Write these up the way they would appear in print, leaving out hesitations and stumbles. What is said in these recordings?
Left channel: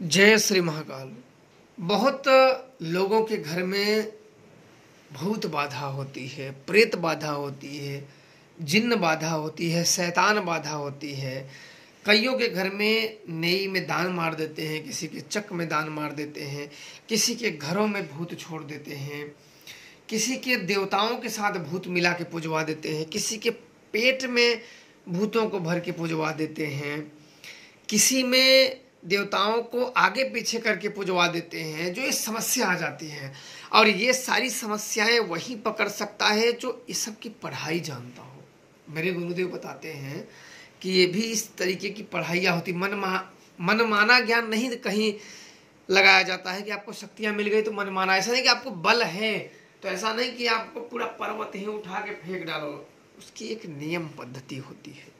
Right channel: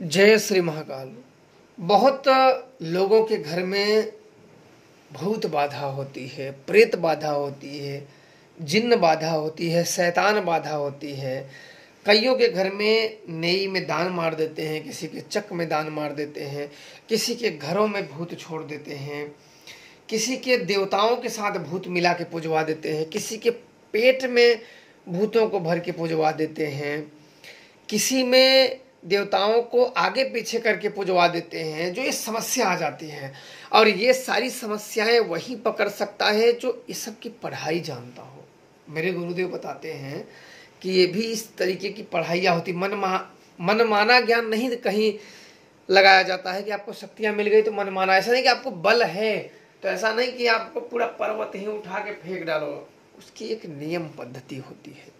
जय श्री महाकाल। बहुत लोगों के घर में भूत बाधा होती है, प्रेत बाधा होती है, जिन्न बाधा होती है, शैतान बाधा होती है। कईयों के घर में नेई में दान मार देते हैं, किसी के चक में दान मार देते हैं, किसी के घरों में भूत छोड़ देते हैं, किसी के देवताओं के साथ भूत मिला के पुजवा देते हैं, किसी के पेट में भूतों को भर के पुजवा देते हैं, किसी में देवताओं को आगे पीछे करके पुजवा देते हैं। जो ये समस्या आ जाती है, और ये सारी समस्याएं वही पकड़ सकता है जो इस सब की पढ़ाई जानता हो। मेरे गुरुदेव बताते हैं कि ये भी इस तरीके की पढ़ाइयाँ होती। मनमाना ज्ञान नहीं कहीं लगाया जाता है कि आपको शक्तियां मिल गई तो मनमाना। ऐसा नहीं कि आपको बल है तो ऐसा नहीं कि आपको पूरा पर्वत ही उठा के फेंक डालो। उसकी एक नियम पद्धति होती है।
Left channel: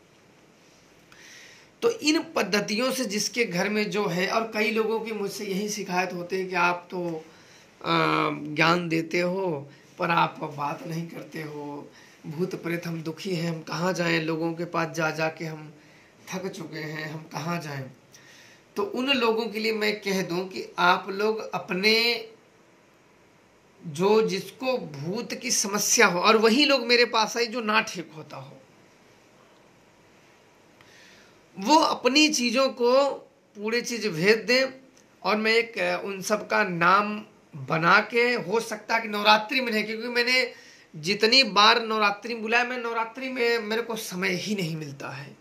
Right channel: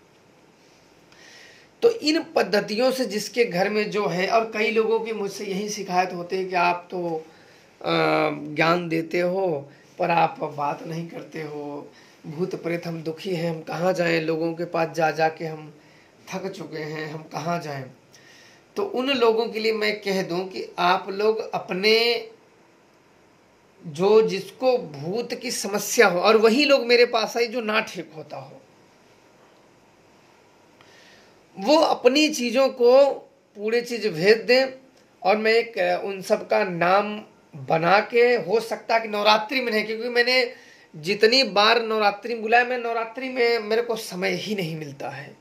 तो इन पद्धतियों से जिसके घर में जो है, और कई लोगों की मुझसे यही शिकायत होती है कि आप तो ज्ञान देते हो पर आप बात नहीं करते हो। भूत प्रेत, हम दुखी हैं, हम कहाँ जाएं? लोगों के पास जा जा के हम थक चुके हैं, हम कहाँ जाएं? तो उन लोगों के लिए मैं कह दूं कि आप लोग अपने जो जिसको भूत की समस्या हो, और वही लोग मेरे पास आए जो ना ठीक होता हो, वो अपनी चीजों को पूरी चीज भेज दें और मैं एक उन सब का नाम बना के, हो सकता है कि नवरात्रि में नहीं, क्योंकि मैंने जितनी बार नवरात्रि में बुलाया, मैं नवरात्रि में मेरे को समय ही नहीं मिलता है।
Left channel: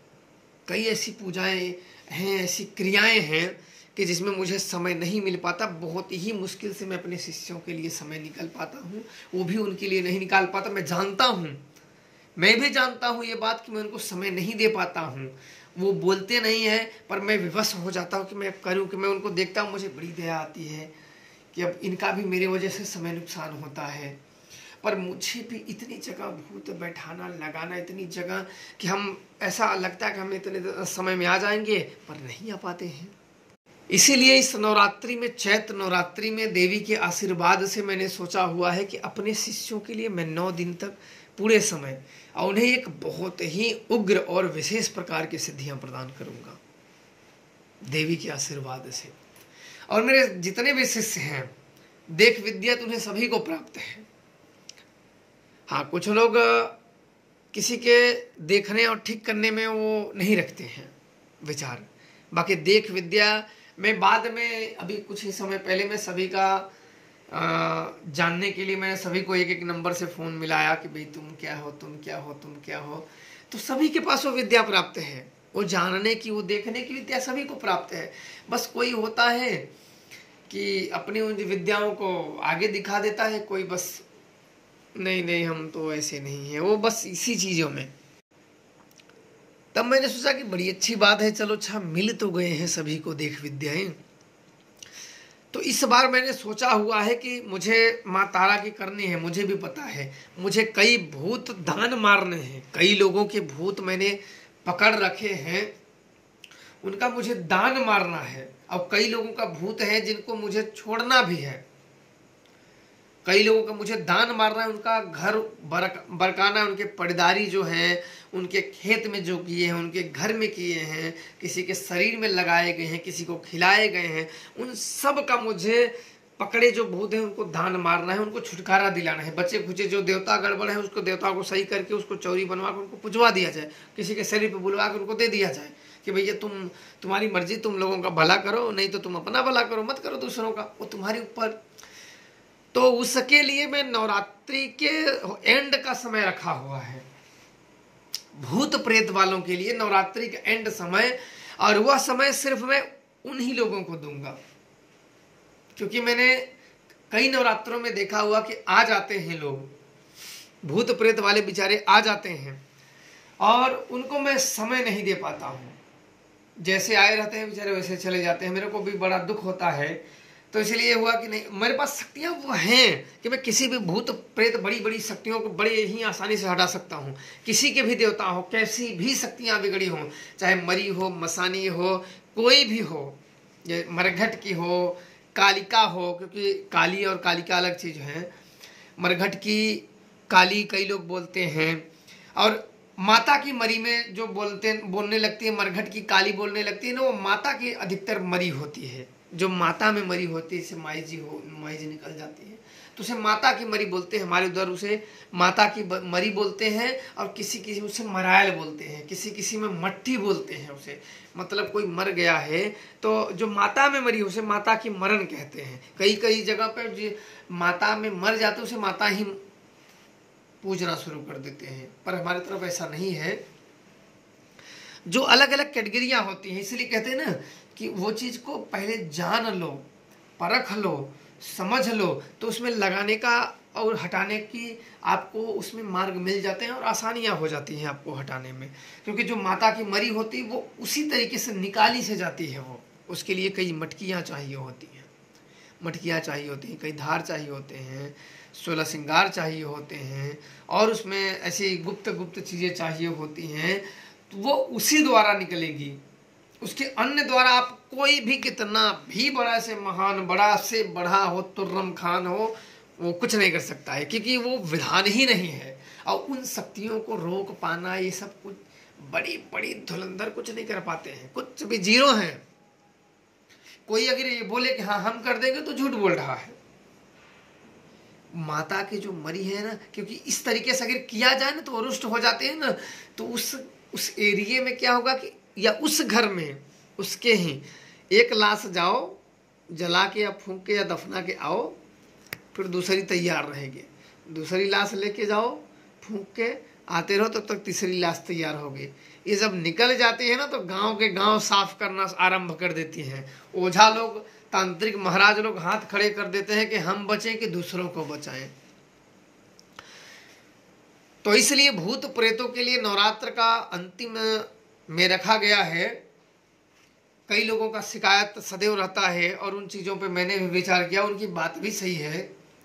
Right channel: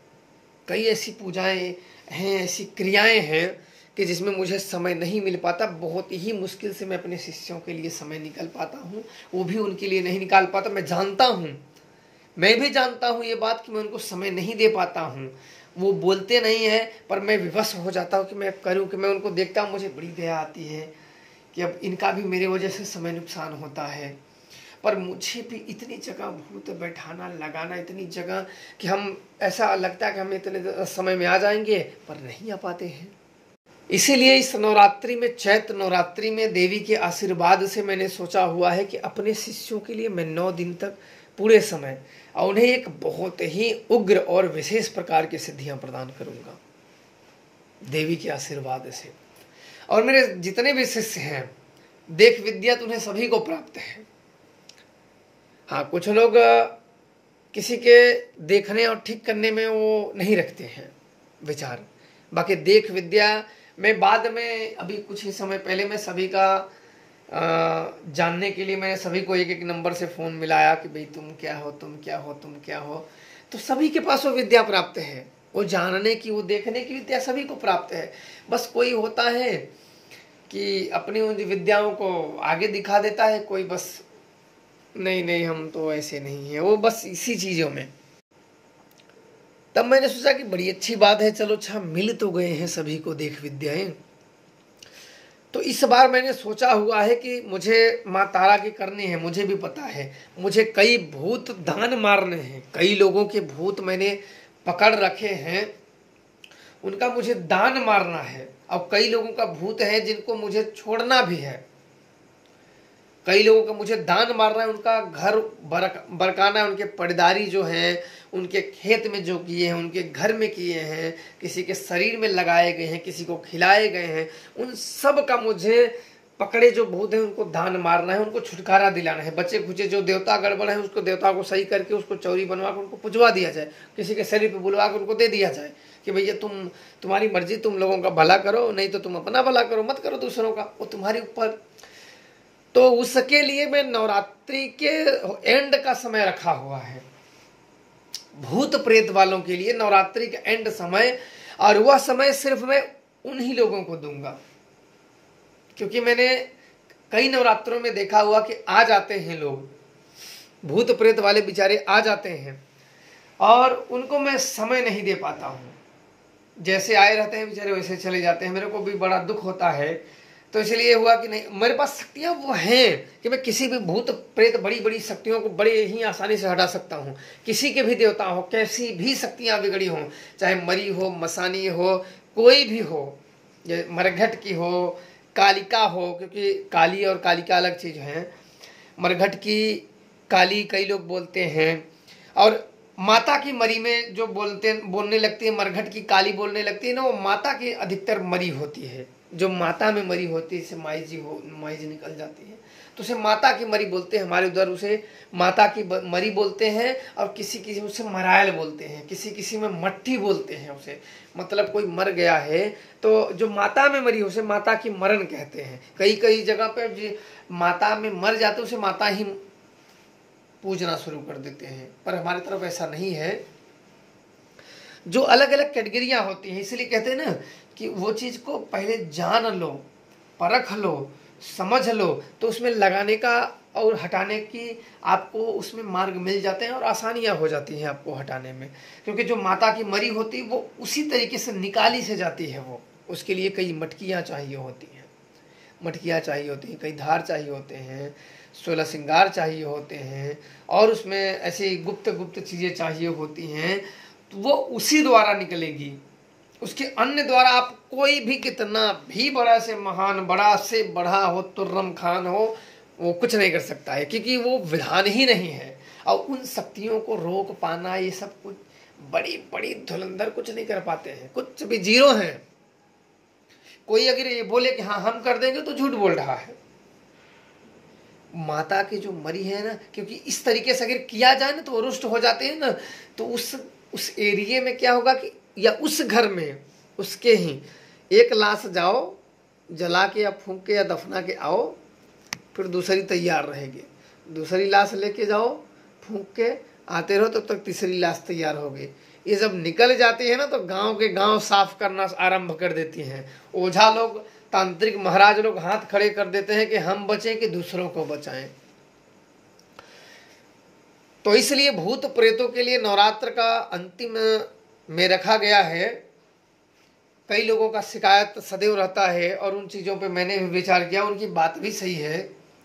कई ऐसी पूजाएं हैं, ऐसी क्रियाएं हैं कि जिसमें मुझे समय नहीं मिल पाता। बहुत ही मुश्किल से मैं अपने शिष्यों के लिए समय निकाल पाता हूँ, वो भी उनके लिए नहीं निकाल पाता। मैं जानता हूँ, मैं भी जानता हूँ ये बात कि मैं उनको समय नहीं दे पाता हूँ। वो बोलते नहीं है पर मैं विवश हो जाता हूँ कि मैं करूँ, कि मैं उनको देखता हूँ, मुझे बड़ी दया आती है कि अब इनका भी मेरे वजह से समय नुकसान होता है। पर मुझे भी इतनी जगह भूत बैठाना लगाना, इतनी जगह कि हम ऐसा लगता है कि हम इतने समय में आ जाएंगे पर नहीं आ पाते हैं। इसीलिए इस नवरात्रि में, चैत्र नवरात्रि में देवी के आशीर्वाद से मैंने सोचा हुआ है कि अपने शिष्यों के लिए मैं 9 दिन तक पूरे समय और उन्हें एक बहुत ही उग्र और विशेष प्रकार की सिद्धियां प्रदान करूंगा देवी के आशीर्वाद से। और मेरे जितने भी शिष्य हैं, देख विद्या तो उन्हें सभी को प्राप्त है। हाँ, कुछ लोग किसी के देखने और ठीक करने में वो नहीं रखते हैं विचार। बाकी देख विद्या में बाद में, अभी कुछ ही समय पहले मैं सभी का जानने के लिए मैंने सभी को एक एक नंबर से फोन मिलाया कि भाई तुम क्या हो, तुम क्या हो, तुम क्या हो। तो सभी के पास वो विद्या प्राप्त है, वो जानने की, वो देखने की विद्या सभी को प्राप्त है। बस कोई होता है कि अपनी उन विद्याओं को आगे दिखा देता है, कोई बस नहीं नहीं हम तो ऐसे नहीं है, वो बस इसी चीजों में। तब मैंने सोचा कि बड़ी अच्छी बात है, चलो अच्छा मिल तो गए हैं सभी को देख विद्याएं। तो इस बार मैंने सोचा हुआ है कि मुझे माँ तारा की करनी है। मुझे भी पता है मुझे कई भूत दान मारने हैं, कई लोगों के भूत मैंने पकड़ रखे हैं, उनका मुझे दान मारना है। और कई लोगों का भूत है जिनको मुझे छोड़ना भी है। कई लोगों का मुझे दान मारना है, उनका घर बरकाना, उनके पड़दारी जो है, उनके खेत में जो किए हैं, उनके घर में किए हैं, किसी के शरीर में लगाए गए हैं, किसी को खिलाए गए हैं, उन सब का मुझे पकड़े जो भूत है उनको दान मारना है, उनको छुटकारा दिलाना है। बच्चे खुचे जो देवता गड़बड़ है उसको, देवता को सही करके उसको चौरी बनवा कर उनको पुजवा दिया जाए, किसी के शरीर पर बुलवा कर उनको दे दिया जाए कि भैया तुम्हारी मर्जी, तुम लोगों का भला करो, नहीं तो तुम अपना भला करो, मत करो दूसरों का, वो तुम्हारे ऊपर। तो उसके लिए मैं नवरात्रि के एंड का समय रखा हुआ है भूत प्रेत वालों के लिए, नवरात्रि का एंड समय। और वह समय सिर्फ मैं उन्हीं लोगों को दूंगा, क्योंकि मैंने कई नवरात्रों में देखा हुआ कि आ जाते हैं लोग, भूत प्रेत वाले बेचारे आ जाते हैं और उनको मैं समय नहीं दे पाता हूं। जैसे आए रहते हैं बेचारे वैसे चले जाते हैं। मेरे को भी बड़ा दुख होता है। तो इसलिए हुआ कि नहीं, मेरे पास शक्तियां वो हैं कि मैं किसी भी भूत प्रेत, बड़ी बड़ी शक्तियों को बड़े ही आसानी से हटा सकता हूं। किसी के भी देवता हो, कैसी भी शक्तियां बिगड़ी हो, चाहे मरी हो, मसानी हो, कोई भी हो, ये मरघट की हो, कालिका हो, क्योंकि काली और कालिका अलग चीज है। मरघट की काली कई लोग बोलते हैं, और माता की मरी में जो बोलने लगती है, मरघट की काली बोलने लगती है ना, वो माता की अधिकतर मरी होती है। जो माता में मरी होती है, जैसे माई जी निकल जाती है तो उसे माता की मरी बोलते हैं, हमारे उधर उसे माता की मरी बोलते हैं, और किसी किसी उसे मरायल बोलते हैं, किसी किसी में मट्टी बोलते हैं उसे, मतलब कोई मर गया है तो जो माता में मरी उसे माता की मरण कहते हैं। कई कई जगह पे जो माता में मर जाते उसे माता ही पूजना शुरू कर देते हैं, पर हमारी तरफ ऐसा नहीं है। जो अलग अलग कैटेगरियां होती हैं, इसलिए कहते हैं ना कि वो चीज को पहले जान लो, परख लो, समझ लो, तो उसमें लगाने का और हटाने की आपको उसमें मार्ग मिल जाते हैं और आसानियां हो जाती हैं आपको हटाने में। क्योंकि जो माता की मरी होती वो उसी तरीके से निकाली से जाती है, वो उसके लिए कई मटकियां चाहिए होती हैं, कई धार चाहिए होते हैं, 16 श्रृंगार चाहिए होते हैं, और उसमें ऐसी गुप्त गुप्त चीजें चाहिए होती हैं, तो वो उसी द्वारा निकलेगी। उसके अन्य द्वारा आप कोई भी कितना भी बड़ा से महान, बड़ा से बड़ा हो, तुर्रम खान हो, वो कुछ नहीं कर सकता है, क्योंकि वो विधान ही नहीं है। और उन शक्तियों को रोक पाना, ये सब कुछ बड़ी बड़ी धुरंधर कुछ नहीं कर पाते हैं, कुछ भी जीरो है। कोई अगर ये बोले कि हाँ हम कर देंगे तो झूठ बोल रहा है। माता की जो मरी है ना, क्योंकि इस तरीके से अगर किया जाए ना तो वो रुष्ट हो जाते हैं ना, तो उस एरिया में क्या होगा कि या उस घर में उसके ही एक लाश जाओ, जला के या फूंक के या दफना के आओ, फिर दूसरी तैयार रहेगी, दूसरी लाश लेके जाओ, फूंक के आते रहो, तब तक तीसरी लाश तैयार होगी। ये जब निकल जाती है ना तो गांव के गांव साफ करना आरंभ कर देती हैं। ओझा लोग, तांत्रिक महाराज लोग हाथ खड़े कर देते हैं कि हम बचें कि दूसरों को बचाएं। तो इसलिए भूत प्रेतों के लिए नवरात्र का अंतिम में रखा गया है। कई लोगों का शिकायत सदैव रहता है, और उन चीजों पे मैंने भी विचार किया, उनकी बात भी सही है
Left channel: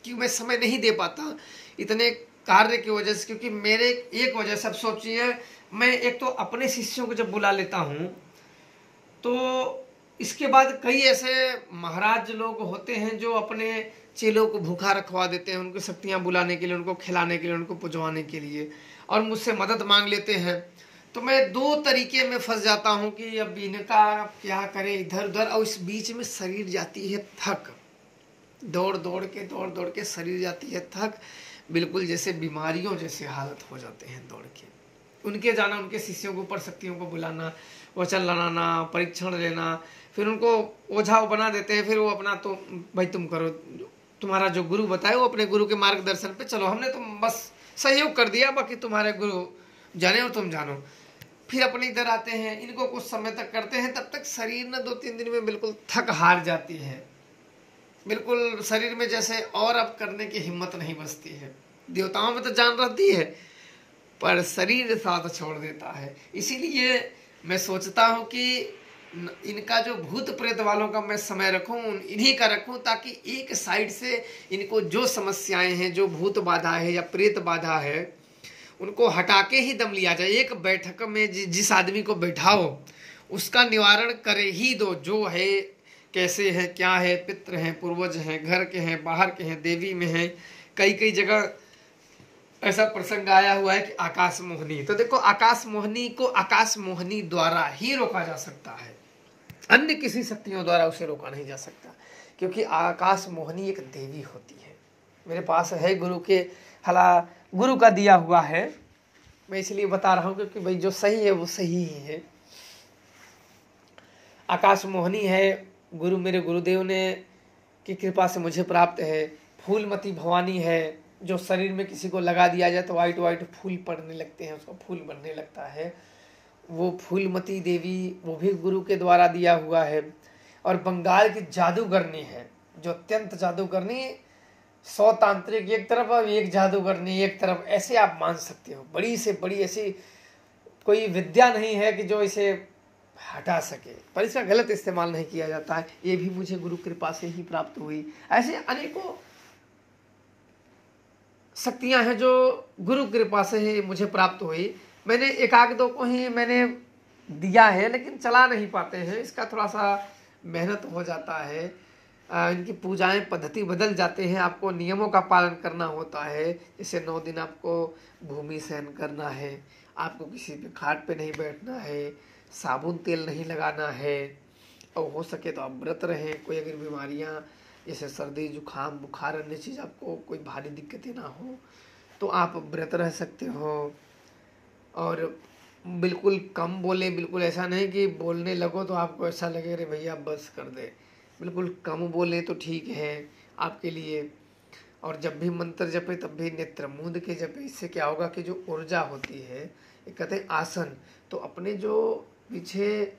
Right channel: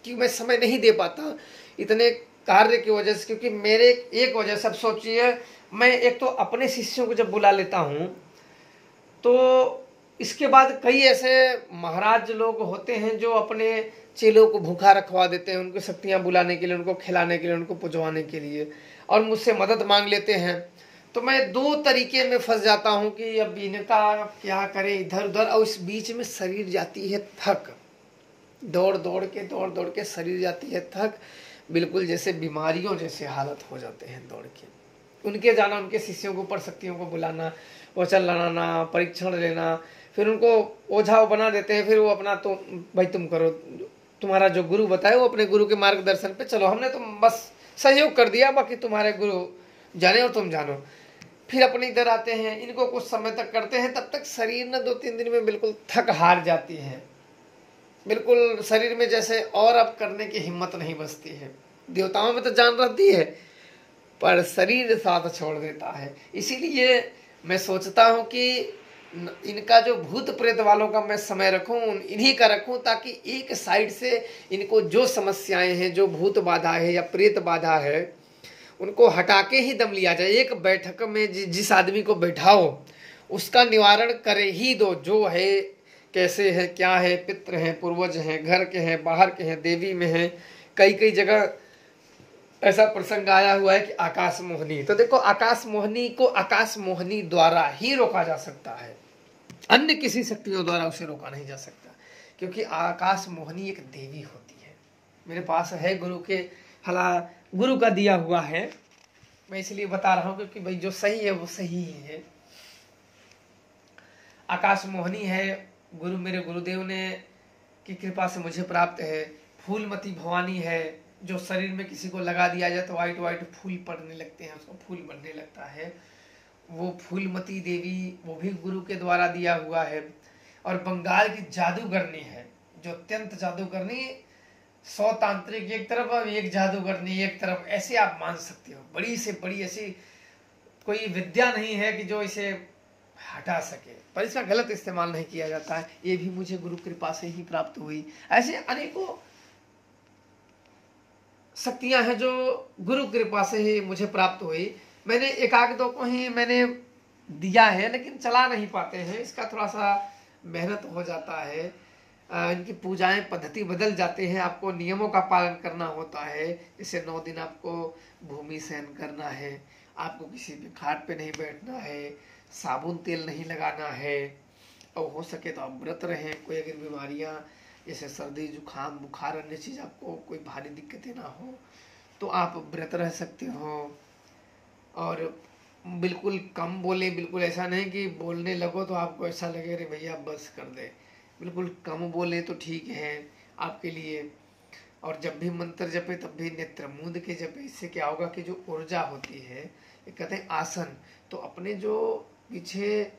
कि मैं समय नहीं दे पाता इतने कार्य की वजह से। क्योंकि मेरे एक वजह से, अब सोचिए, मैं एक तो अपने शिष्यों को जब बुला लेता हूं तो इसके बाद कई ऐसे महाराज लोग होते हैं जो अपने चेलों को भूखा रखवा देते हैं, उनको शक्तियां बुलाने के लिए, उनको खिलाने के लिए, उनको पुजवाने के लिए, और मुझसे मदद मांग लेते हैं। तो मैं दो तरीके में फंस जाता हूं कि अब इनका क्या करे इधर उधर, और इस बीच में शरीर जाती है थक, दौड़ दौड़ के शरीर जाती है थक, बिल्कुल जैसे बीमारियों जैसे हालत हो जाते हैं दौड़ के। उनके जाना, उनके शिष्यों के ऊपर शक्तियों को बुलाना, वचन लगाना, परीक्षण लेना, फिर उनको ओझा बना देते हैं। फिर वो अपना तो भाई तुम करो, तुम्हारा जो गुरु बताए वो अपने गुरु के मार्गदर्शन पे चलो, हमने तुम बस सहयोग कर दिया, बाकी तुम्हारे गुरु जाने और तुम जानो। फिर अपने इधर आते हैं, इनको कुछ समय तक करते हैं, तब तक शरीर ना 2-3 दिन में बिल्कुल थक हार जाती है, बिल्कुल शरीर में जैसे और अब करने की हिम्मत नहीं बचती है। देवताओं में तो जान रहती है, पर शरीर साथ छोड़ देता है। इसीलिए मैं सोचता हूं कि इनका जो भूत प्रेत वालों का मैं समय रखूं, इन्हीं का रखूं, ताकि एक साइड से इनको जो समस्याएं हैं, जो भूत बाधा है या प्रेत बाधा है, उनको हटा के ही दम लिया जाए। एक बैठक में जिस आदमी को बैठाओ उसका निवारण करे ही दो, जो है कैसे है, क्या है, पितृ है, पूर्वज है, घर के हैं, बाहर के हैं, देवी में है। कई कई जगह ऐसा प्रसंग आया हुआ है कि आकाश मोहनी, तो देखो आकाश मोहनी को आकाश मोहनी द्वारा ही रोका जा सकता है, अन्य किसी शक्तियों द्वारा उसे रोका नहीं जा सकता, क्योंकि आकाश मोहनी एक देवी होती है। मेरे पास है गुरु के हला, गुरु का दिया हुआ है, मैं इसलिए बता रहा हूं क्योंकि भाई जो सही है वो सही ही है। आकाश मोहनी है, गुरु मेरे गुरुदेव ने की कृपा से मुझे प्राप्त है। फूलमती भवानी है, जो शरीर में किसी को लगा दिया जाए तो वाइट वाइट फूल पड़ने लगते हैं, उसको फूल बनने लगता है, वो फूलमती देवी, वो भी गुरु के द्वारा दिया हुआ है। और बंगाल की जादूगरनी है, जो अत्यंत जादूगरनी, 100 तांत्रिक एक तरफ और एक जादूगरनी एक तरफ, ऐसे आप मान सकते हो। बड़ी से बड़ी ऐसी कोई विद्या नहीं है कि जो इसे हटा सके, पर इसका गलत इस्तेमाल नहीं किया जाता है। ये भी मुझे गुरु कृपा से ही प्राप्त हुई। ऐसे अनेकों शक्तियां हैं जो गुरु कृपा से ही मुझे प्राप्त हुई। मैंने एकाध दो को ही मैंने दिया है, लेकिन चला नहीं पाते हैं, इसका थोड़ा सा मेहनत हो जाता है। इनकी पूजाएं पद्धति बदल जाते हैं, आपको नियमों का पालन करना होता है। जैसे 9 दिन आपको भूमि सहन करना है, आपको किसी भी खाट पे नहीं बैठना है, साबुन तेल नहीं लगाना है, और हो सके तो आप व्रत रहें। कोई अगर बीमारियां जैसे सर्दी जुकाम बुखार अन्य चीज आपको कोई भारी दिक्कतें ना हो तो आप व्रत रह सकते हो। और बिल्कुल कम बोले, बिल्कुल ऐसा नहीं कि बोलने लगो तो आपको ऐसा लगे अरे भैया बस कर दे, बिल्कुल कम बोले तो ठीक है आपके लिए। और जब भी मंत्र जपे तब भी नेत्र मूंद के जपे। इससे क्या होगा कि जो ऊर्जा होती है, एक कहते हैं आसन, तो अपने जो पीछे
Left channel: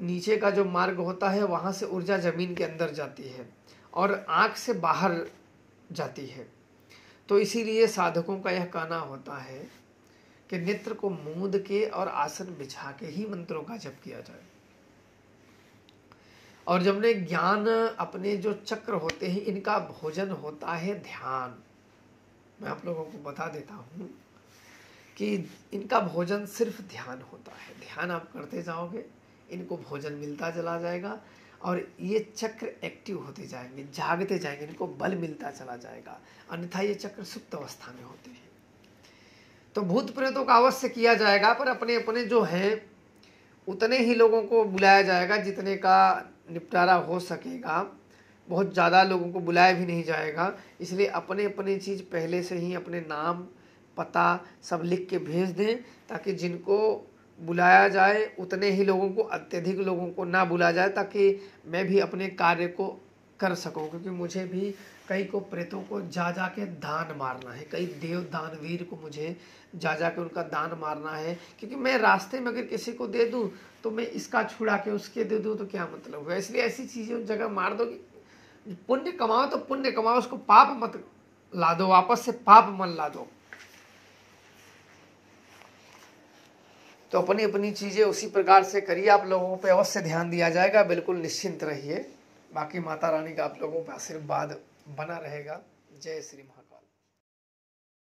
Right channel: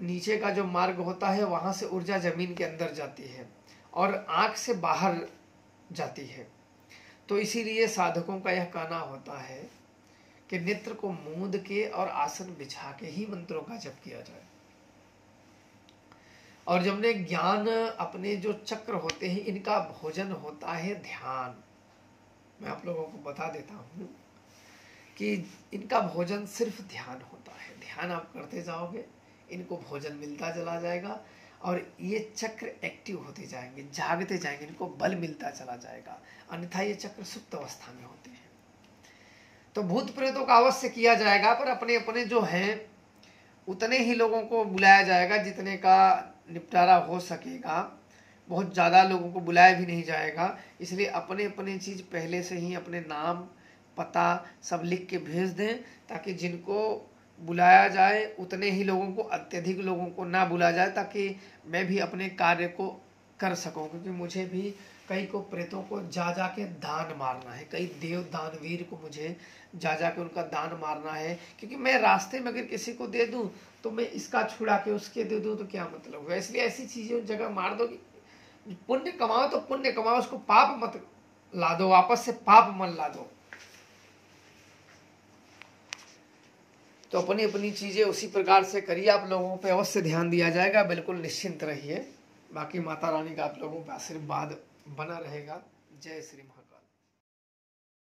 नीचे का जो मार्ग होता है वहां से ऊर्जा जमीन के अंदर जाती है और आंख से बाहर जाती है। तो इसीलिए साधकों का यह कहना होता है कि नेत्र को मूंद के और आसन बिछा के ही मंत्रों का जप किया जाए। और जब ने ज्ञान अपने जो चक्र होते हैं इनका भोजन होता है ध्यान। मैं आप लोगों को बता देता हूं कि इनका भोजन सिर्फ ध्यान होता है। ध्यान आप करते जाओगे, इनको भोजन मिलता चला जाएगा और ये चक्र एक्टिव होते जाएंगे, जागते जाएंगे, इनको बल मिलता चला जाएगा। अन्यथा ये चक्र सुप्त अवस्था में होते हैं। तो भूत प्रेतों का अवश्य किया जाएगा, पर अपने अपने जो हैं उतने ही लोगों को बुलाया जाएगा जितने का निपटारा हो सकेगा। बहुत ज़्यादा लोगों को बुलाया भी नहीं जाएगा। इसलिए अपने अपने चीज़ पहले से ही अपने नाम पता सब लिख के भेज दें, ताकि जिनको बुलाया जाए उतने ही लोगों को, अत्यधिक लोगों को ना बुलाया जाए, ताकि मैं भी अपने कार्य को कर सकूं। क्योंकि मुझे भी कई को प्रेतों को जा जा के दान मारना है, कई देव दानवीर को मुझे जा जा के उनका दान मारना है। क्योंकि मैं रास्ते में अगर किसी को दे दूं तो मैं इसका छुड़ा के उसके दे दूं तो क्या मतलब होगा। इसलिए ऐसी चीजें उस जगह मार दो कि पुण्य कमाओ तो पुण्य कमाओ, उसको पाप मत ला दो, वापस से पाप मत ला दो। तो अपनी अपनी चीजें उसी प्रकार से करिए। आप लोगों पे अवश्य ध्यान दिया जाएगा, बिल्कुल निश्चिंत रहिए। बाकी माता रानी का आप लोगों पर आशीर्वाद बना रहेगा। जय श्री महाराज।